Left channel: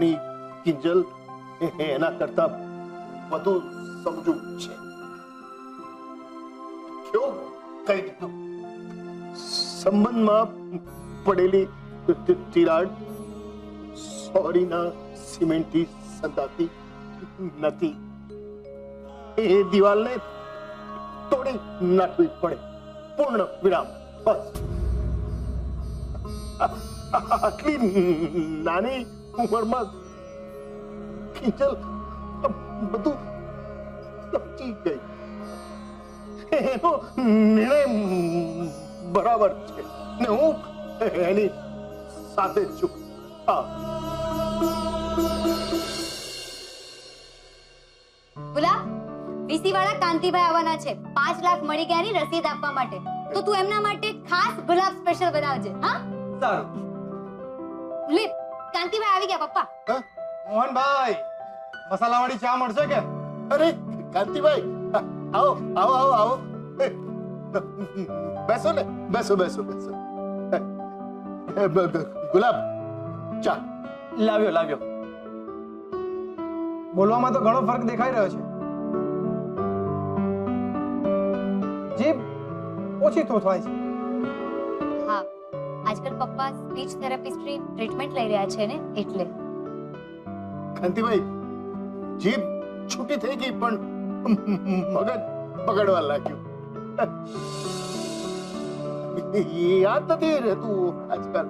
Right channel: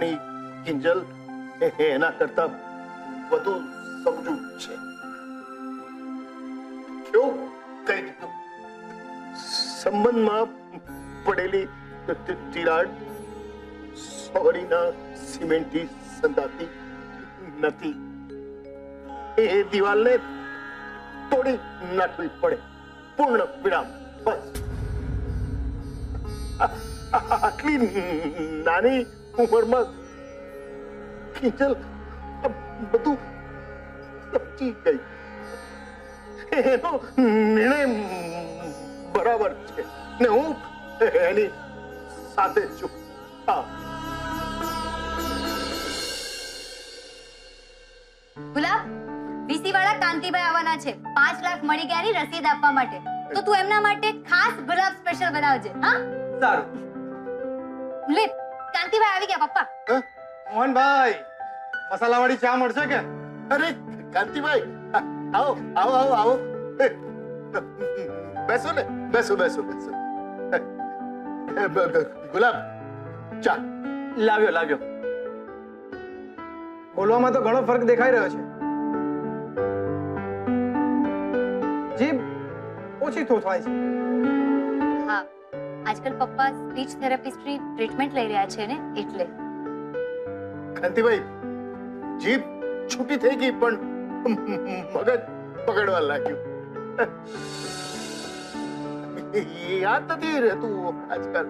આપણી કિંજલ એના કરતા વધુ સમજુ છે. કેવું કઈ દીધું? સંબંધમાં પડેલી તિરાડ સોરીના સિમેન્ટથી સંધાતી નથી. એ દિવાલને તોડી નાખવી પડે. પૂર્ણ વિરામ. બસ. આટલી નાની ઉંમરમાં કિંજલ બધું સમજી ગઈ. એનો નિર્ણય બરાબર છે ને હું એની સાથે છું. હા. ગુલાબ, વીસી વાળા કાંતિભાઈ આવવાના છે. 5 લાખ મળી ગયાની રસીદ આપવા માટે. તો તું એમના માટે ખાસ ગુલાબ સ્પેશિયલ બનાવજે. હા, સારું. લે, કાંતિભાઈ આવી ગયા. પપ્પા, મોહનભાઈ, મસાલાવાળી ચા મળશે કે? અરે કાંતિભાઈ, આવો આવો આવો આવો. બેસો ને, બેસો બેસો બેસો. ગુલાબ, ચા લાવ્યો લાવ્યો. બોલવામાં તો ઘણો ફરક દેખાઈ રહ્યો છે. જીભ ઓછી થોથવાય છે. હા, આજકાલ પપ્પા સ્પીચ થેરાપિસ્ટની ટ્રીટમેન્ટ લઈ રહ્યા છે ને, એટલે. કાંતિભાઈ, જીભ છૂટી થઈ ગઈ પણ મગજ બગડવા લાગ્યું. યાદ નથી રહેતું આજકાલ.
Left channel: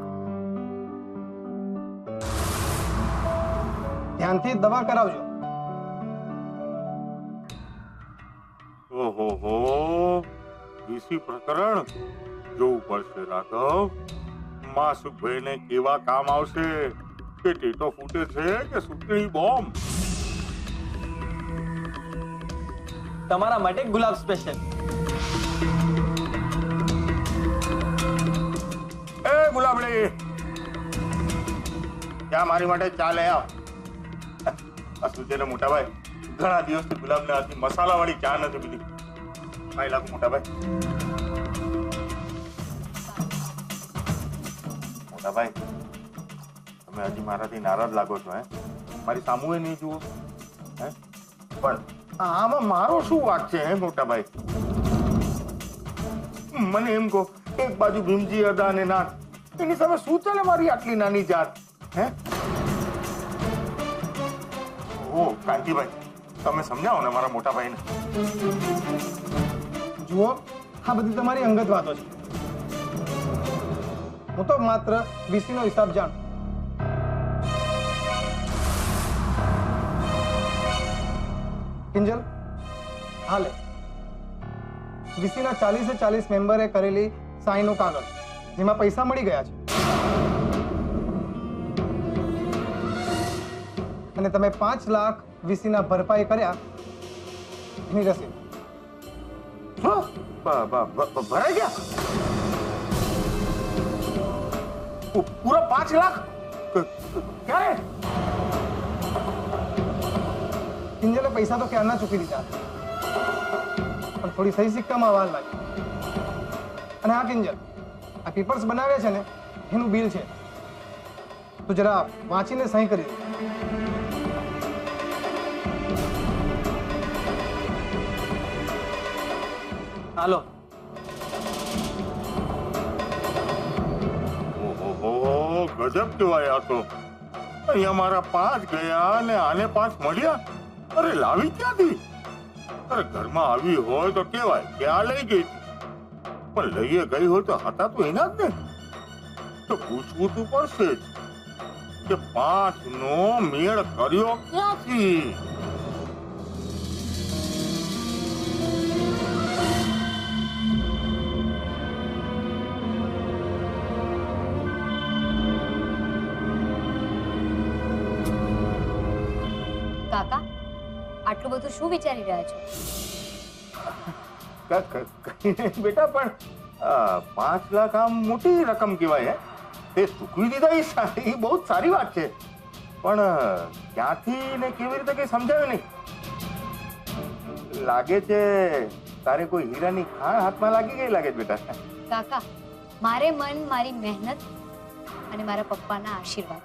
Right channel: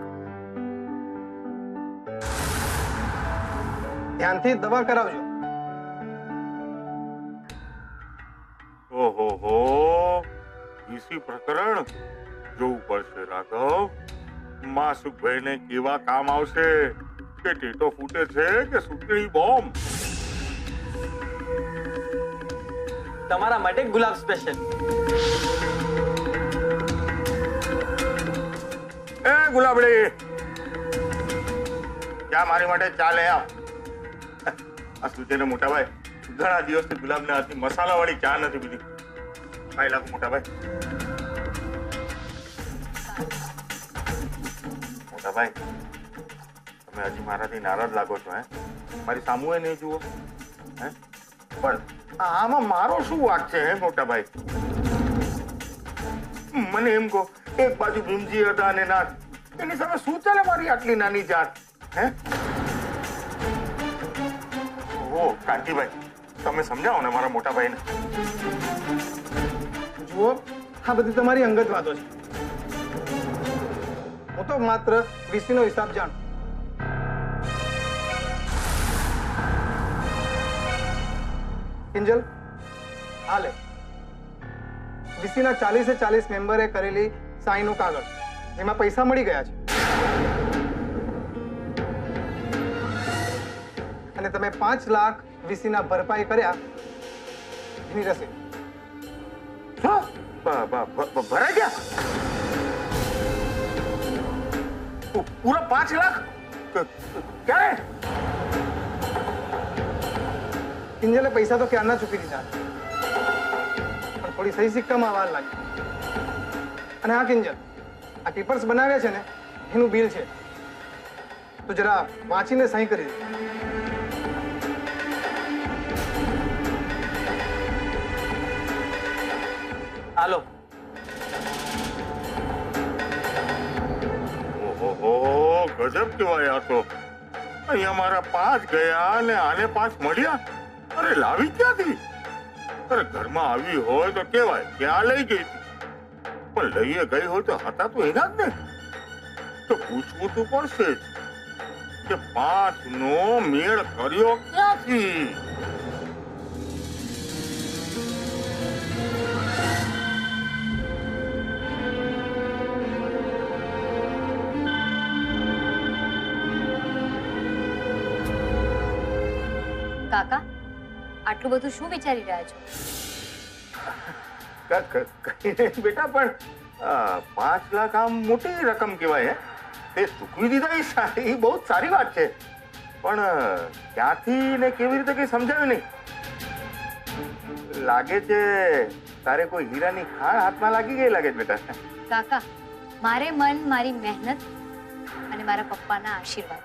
ધ્યાનથી દવા કરાવજો. ઓહો હો, વીસી પ્રકરણ જોવું પડશે રાઘવ. માસુકભાઈને કેવા કામ આવશે? કે ટેટો ફૂટે છે કે સુતળી બોમ્બ? તમારા માટે ગુલાબ સ્પેશિયલ. એ ગુલાબડી, ચા મારી માટે ચા લે આવ. આ શું છે ને મોટા ભાઈ, ઘણા દિવસથી ગુલાબના હાથની મસાલાવાળી ચા નથી પીધી. ભાઈ લાગુ મોટા ભાઈ. મોટા ભાઈ, તમે હજી મારાથી નારાજ લાગો છો? હે, મારી સામુએ નહીં જુઓ? હે, પણ આમાં મારો શું વાંક છે? હે મોટા ભાઈ, મને એમ કહો, એક બાજુ ભીમજી અદા અને નાથ, એની સામે શું ચાલે મારી આટલી નાની જાત? હે, ઓ કાંતિભાઈ, તમે સમજાવો ને મારા મોટા ભાઈને. જુઓ, આ બધી તમારી અંગત વાતો છે. હું તો માત્ર વીસીનો હિસાબ જાણું. કિંજલ, હાલે વીસીના 40 મેમ્બરે કરેલી સાઈનનું કાગળ, જેમાં પૈસા મળી ગયા છે, અને તમે 5 લાખ વીસીના ભરપાઈ કર્યા એની રસીદ. ભરાઈ ગયા પૂરા 5 લાખ? ક્યારે? કિંજલે પૈસા તો ક્યારના ચૂકી દીધા, પણ થોડી સહી સિક્કામાં વાર લાગી. અને હા કિંજલ, આ પેપર્સ બનાવ્યા છે ને, એનું બિલ છે. તો જરા વાંચીને સહી કરી દે. હાલો. ઓહો, ગજબ કેવાય આ તો. અહીંયા મારા 5 ગયા અને આને 5 મળ્યા. અરે લાવી ક્યાંથી? અરે ઘરમાં આવી હોય તો કેવાય કે આ લઈ ગઈ, પણ લઈએ ગઈ હોય તો હતા તો એના જ ને. તો પૂછવું તો પડશે જ કે 5 નો મેળ કર્યો ક્યાંથી? કાકા, આટલું બધું શું વિચારી રહ્યા છો? કઈ નહીં બેટા, પણ 5 લાખ આમ મોટી રકમ કહેવાય. હે, તે ચૂકવી દીધા એ બહુ જ સારી વાત છે, પણ ક્યાંથી ને કેવી રીતે કઈ સમજાવ્યું નહીં. લાગે છે તારે કોઈ હીરાની ખાણ હાથમાં લાગી ગઈ લાગે છે બેટા. કાકા, મારે મન મારી મહેનત અને મારા પપ્પાના આશીર્વાદ